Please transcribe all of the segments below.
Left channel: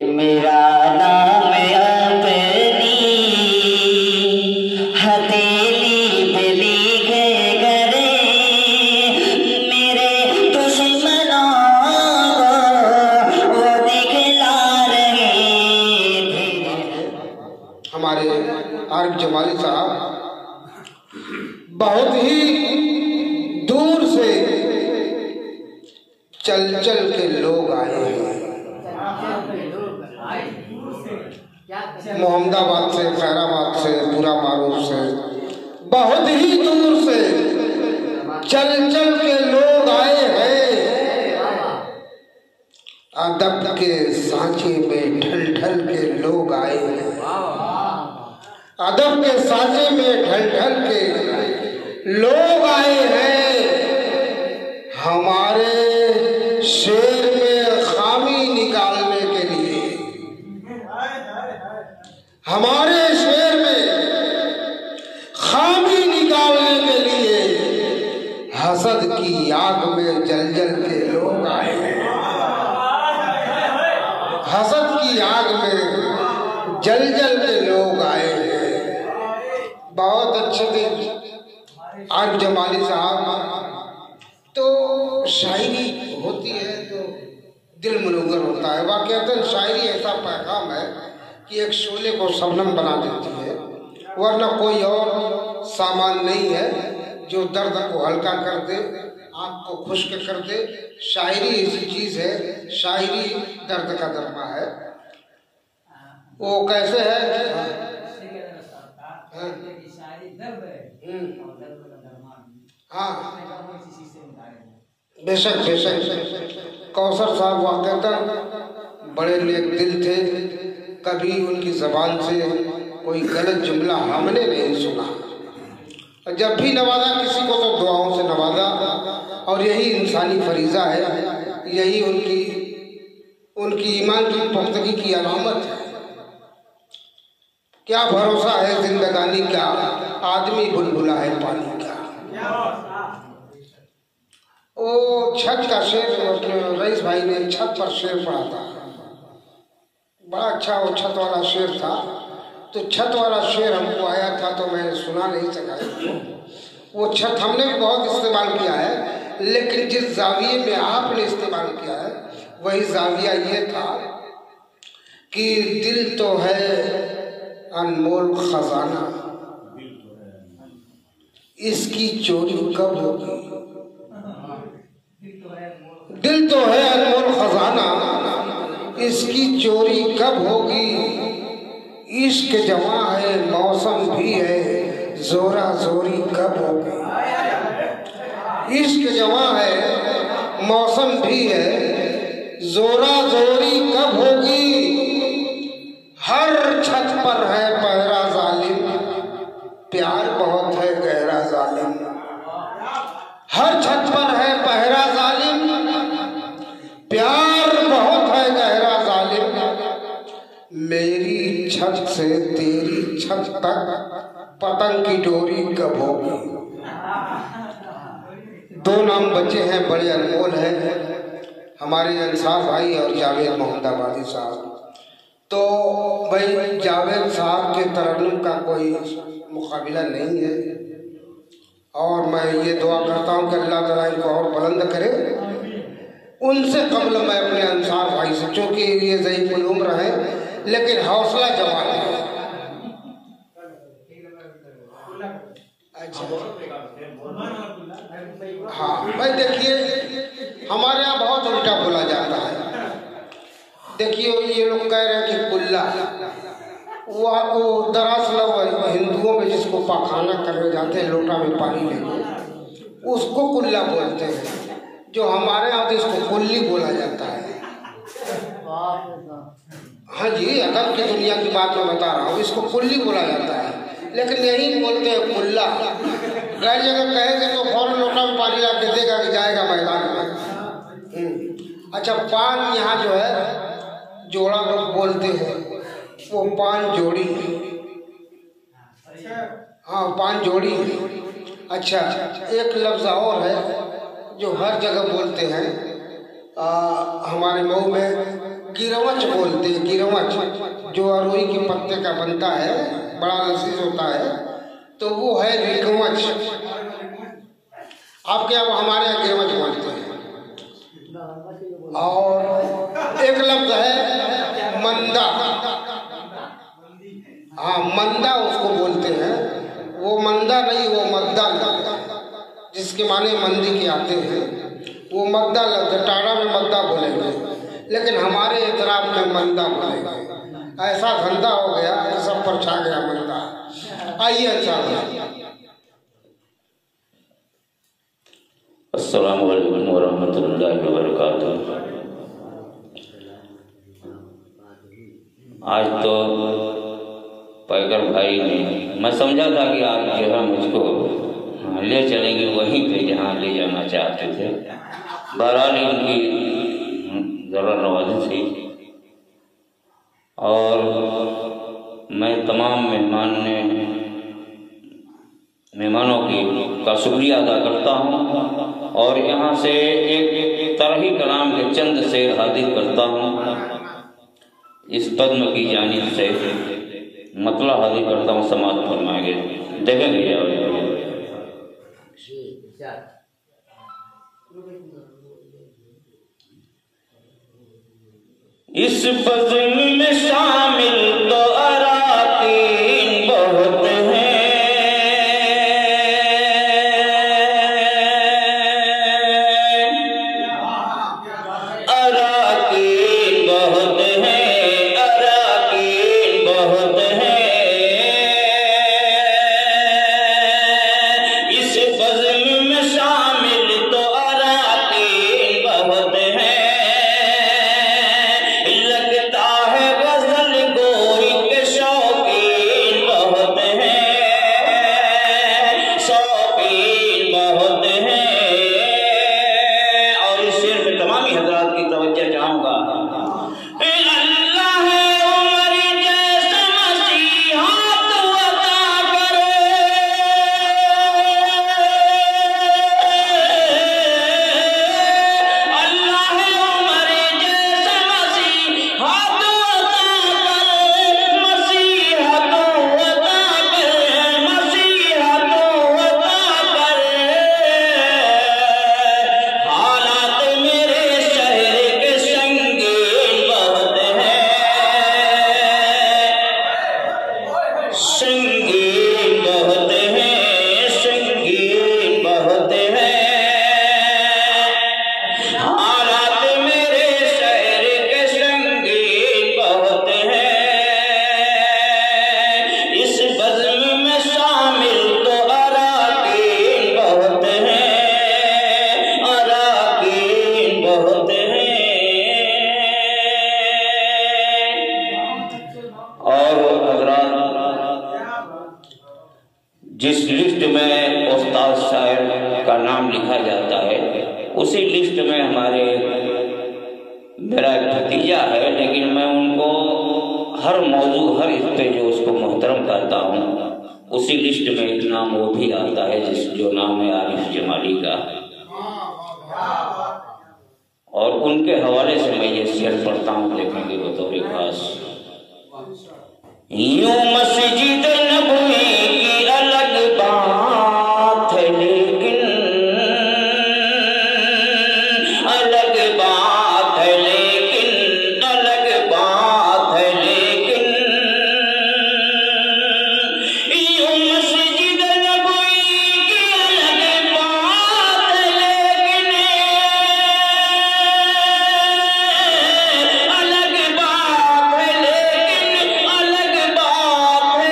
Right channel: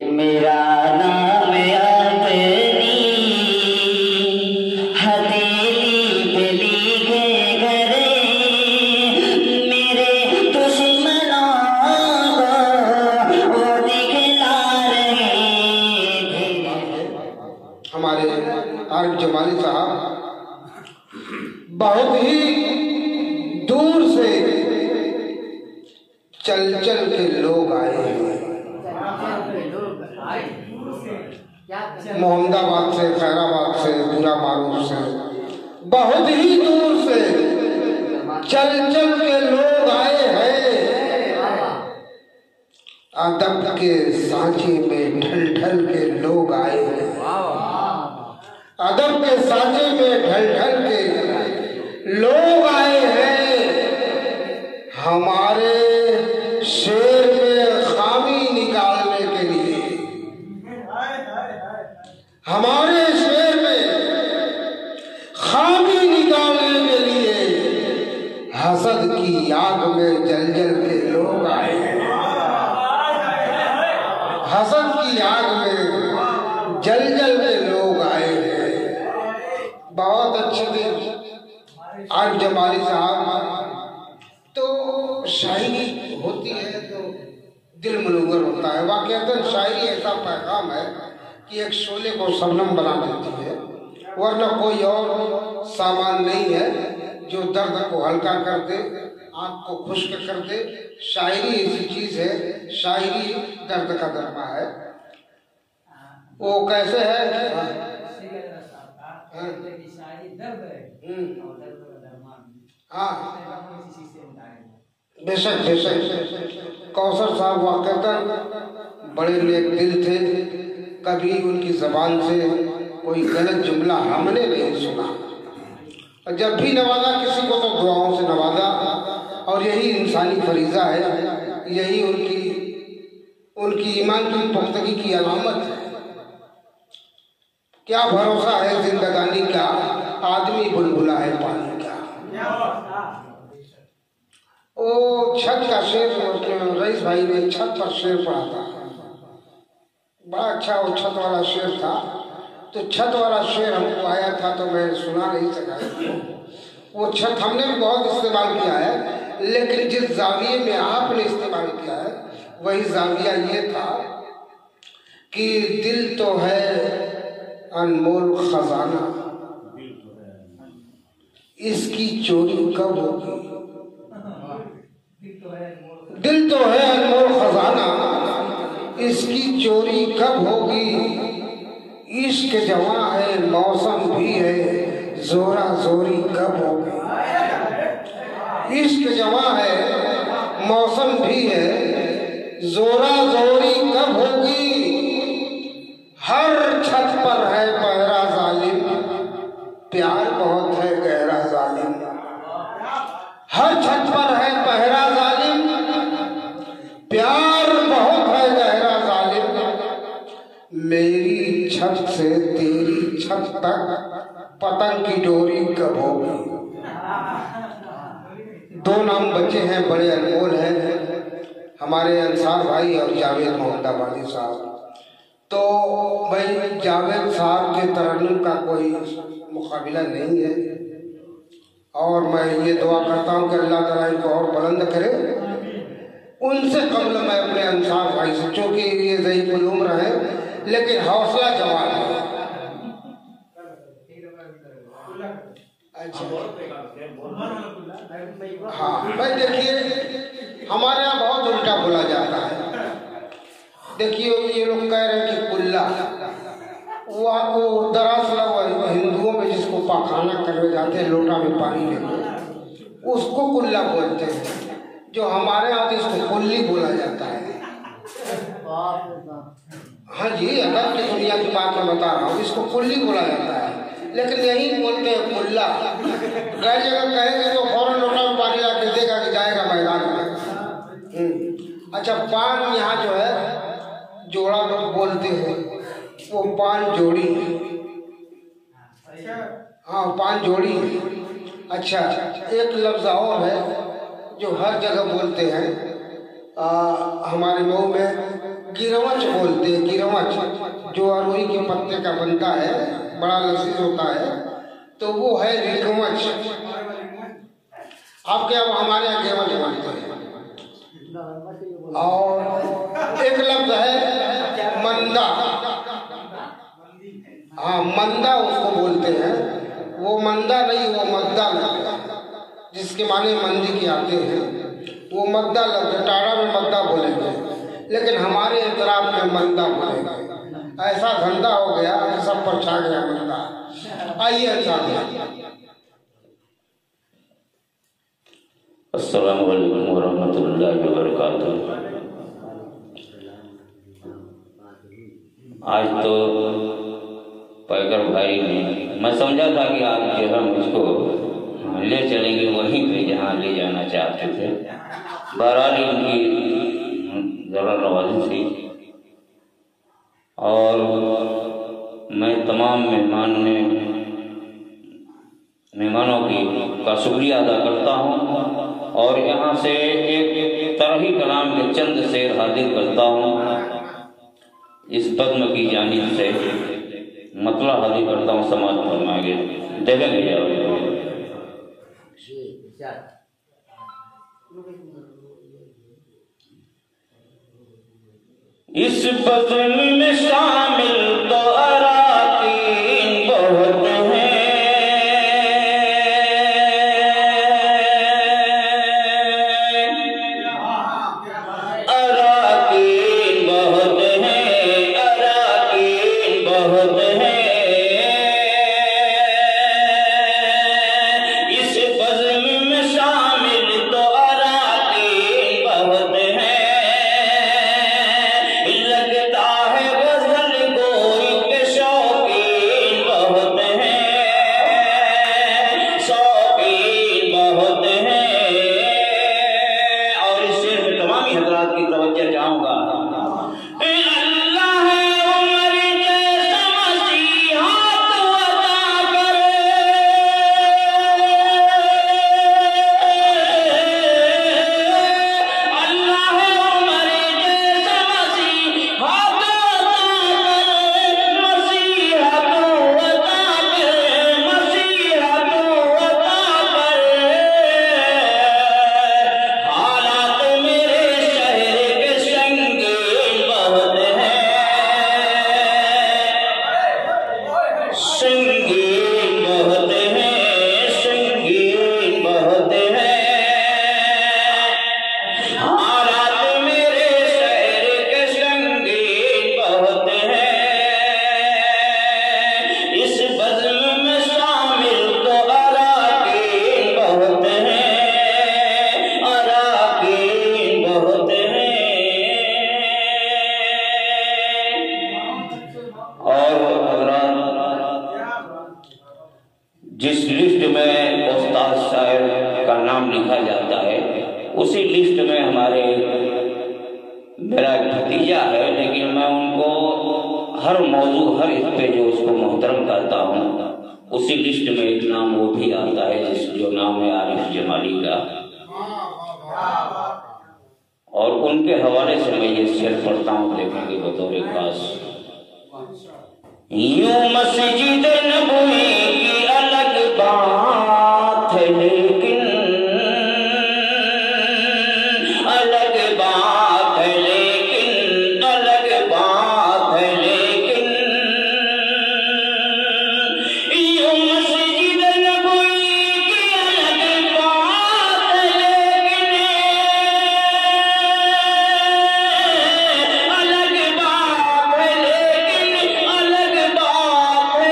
मेरा नाम अपनी हथेली पे लिखे करे, मेरे दुश्मनों को वो दिखला रहे थे। हमारे आज जमाली साहब बहुत ही दूर से चल चल के लोग आए हैं, मोहम्मदाबाद से, खैराबाद से, बुरा मारूफ से, बहुत ही दूर से चल चल के लोग आए हैं। अदब के सांचे में ढल ढल के लोग आए हैं, अदब के सांचे में ढल ढल के लोग आए हैं। हमारे शेर में खामी निकालने के लिए, हमारे शेर में खामी निकालने के लिए हसद की आग में जल जल के लोग आए हैं, हसद की आग में जल जल के लोग आए हैं। बहुत अच्छे दिन आज जमाली साहब, तो शायरी होती है तो दिल मनुगर होता है। वाकई शायरी ऐसा पैगाम है कि एक शोले को शबनम बना देती है, वरना कोई और सामान नहीं है जो दर्द को हल्का कर दे, आँख को खुश्क कर दे। शायरी ऐसी चीज है, शायरी दर्द का दरमा है। वो कैसे है? हाँ, बेशक बेशक। कौसर साहब वाकई बड़े नेक दिल थे, कभी उनकी जबान से कोई गलत जुमला हमने नहीं सुना। जब भी नवाजा किसी को तो दुआओं से नवाजा, और यही इंसानी फरीजा है, यही उनकी ईमान की पुख्तगी की अलामत है। क्या भरोसा है जिंदगानी का, आदमी बुलबुला है पानी का। वो छत का शेर, रईस भाई ने छत पर शेर पढ़ा था, बड़ा अच्छा वो छत वाला शेर था। तो छत वाला शेर हमको आया था तो मैं सुना नहीं सका। वो छत हमने भी बहुत इस्तेमाल किया है, लेकिन जिस जाविये में आपने इस्तेमाल किया है वही जाविया ये था कि दिल तो है अनमोल खजाना, इसकी चोरी कब होगी। दिल तो है अनमोल खजाना, इसकी चोरी कब होगी। इश्क जवां है, मौसम भी है, जोरा जोरी कब होगी। इश्क जवां है, मौसम भी है, जोरा जोरी कब होगी। हर छत पर है पहरा जालिम, प्यार बहुत है गहरा जालिम। हर छत पर है पहरा जालिम, प्यार बहुत है गहरा जालिम। मेरी छत से तेरी छत तक पतंग की डोरी कब होगी। दो नाम बचे हैं, बड़े अनमोल हैं, हमारे अंसार भाई और जावेद मोहम्मदाबादी साहब। तो भाई जावेद साहब के तरन्नुम का कोई मुकाबला नहीं है, और मैं ये दुआ करता हूँ कि अल्लाह ताला इनको और बुलंद करे। उनसे कबल मैं अपने अंसार भाई से, चूंकि ये ज़ईफ़ुल उम्र है लेकिन हौसला जवान है। हाँ भाई, देखिए हमारे यहाँ बहुत उल्टा बोला जाता है। देखिए ये लोग कह रहे हैं कि कुल्ला, वो दरअसल हिंदुओं में जिसको पाखाना करने जाते हैं लोटा में पानी लेके, उसको कुल्ला बोलते हैं। जो हमारे यहाँ इसको कुल्ली बोला जाता है। हाँ जी, अदब की दुनिया की बात मैं बता रहा हूँ, इसको कुल्ली बोला जाता है, लेकिन यही बोलते हैं कुल्ला। कई जगह कहेंगे तो फौरन लोटा में पानी ला के देगा कि जाएगा मैदान में। अच्छा, पान यहाँ जो है जोड़ा लोग बोलते हैं, वो पान जोड़ी। हाँ, पान जोड़ी। अच्छा, एक लफ्ज और है जो हर जगह बोलते हैं, हमारे मऊ में गिरवच बोलते हैं, गिरवच जो अरोई के पत्ते का बनता है, बड़ा लजीज होता है, तो वो है रिकवच। आपके अब हमारे यहाँ गिरवच बोलते हैं। और एक लफ्ज है मंदा, हाँ मंदा उसको बोलते हैं, वो मंदा नहीं, वो मद्दा लफ्ज जिसके माने मंदी के आते हैं, वो मद्दा लफ्ज, टाड़ा में मद्दा बोलेंगे, लेकिन हमारे इतराब में मंदा बोलेंगे। ऐसा धंधा हो गया कि सब पर छा गया मंदा। आइए साहब। अस्सलामु अलैकुम वरहमतुल्लाहि वबरकातुहू। आज तो पैकर भाई ने, मैं समझा था कि आप जो है मुझको ले चलेंगे वहीं पे जहाँ ले जाना चाहते थे। बहरहाल उनकी ज़रा नवाज़ी थी और मैं तमाम मेहमानों का शुक्रिया अदा करता हूँ और यहाँ से एक तरही कलाम के चंद शेर हाजिर करता हूँ। इस पद्म की जानिब से मतलब हाजिर करता हूँ, समाप्त फरमाएंगे, देखेंगे। इस फज़ल में शामिल तो अराकीन बहुत हैं, अराकीन बहुत हैं, अराकीन बहुत हैं। इस फज़ल में शामिल तो अराकीन बहुत हैं। लगता है गज़ल गोई के शौकीन बहुत हैं, शौकीन बहुत हैं। और इस शेर में तमाम हज़रात की तवज्जो चाहूँगा। अल्लाह उमर जैसा मसीहा तो अता करे, अल्लाह उमर जैसा मसीहा तो अता करे, मसीहा तो अता करे, मसीहा तो अता करे। हालात मेरे शहर के संगीन बहुत हैं, संगीन बहुत हैं, संगीन बहुत हैं। हालात मेरे शहर के संगीन बहुत हैं। इस बज़्म में शामिल तो अराकीन बहुत हैं, अराकीन बहुत हैं। और हज़रात, जिस लिस्ट में उस्ताद साहब का नाम लिखा जाता है उसी लिस्ट में हमारे मेरा एक भतीजा है, लेकिन मैं उनको हर मौजू हर हिस्से जो उसको मोहतरम करता हूँ, उसी लिस्ट में एक नाम वो भी आता है जो नाम है आरिफ जमाली का। और उनके हवाले से मैं ये शेर पढ़ता हूँ, देखेंगे बतौर खास। यूं मस्जिद नबवी की अलग बात है, लेकिन अलग बात है, लेकिन अलग बात है, लेकिन यूं मस्जिद नबवी की अलग बात है, लेकिन अलग बात है, लेकिन अलग बात है,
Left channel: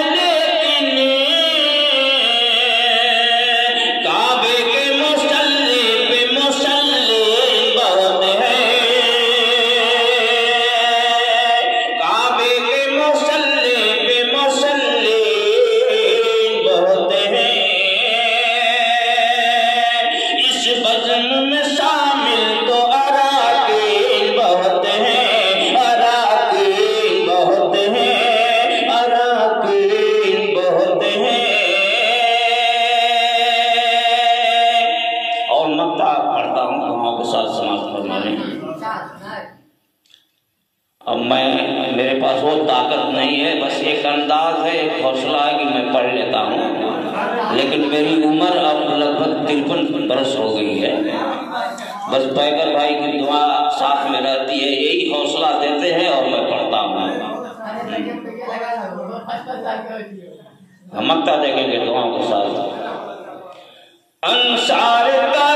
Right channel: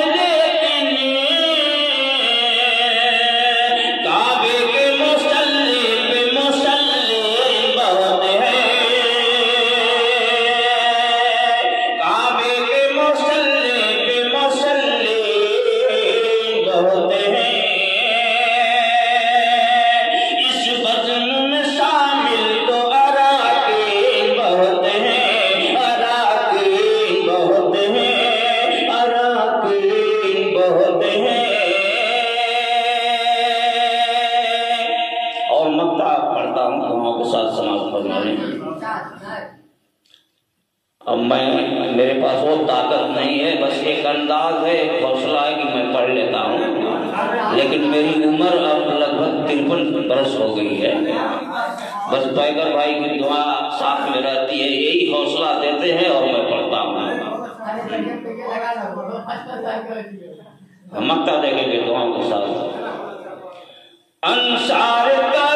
मेरे पास वो ताकत नहीं है, बस एक अंदाज है, एक हौसला है कि मैं पढ़ लेता हूँ, लेकिन मेरी उम्र अब लगभग 53 बरस हो गई है। बस पैगर भाई की दुआ साथ में रहती है, यही हौसला देते हैं और मैं पढ़ता हूँ। मक्ता देखेंगे दुआओं के साथ। अंसार का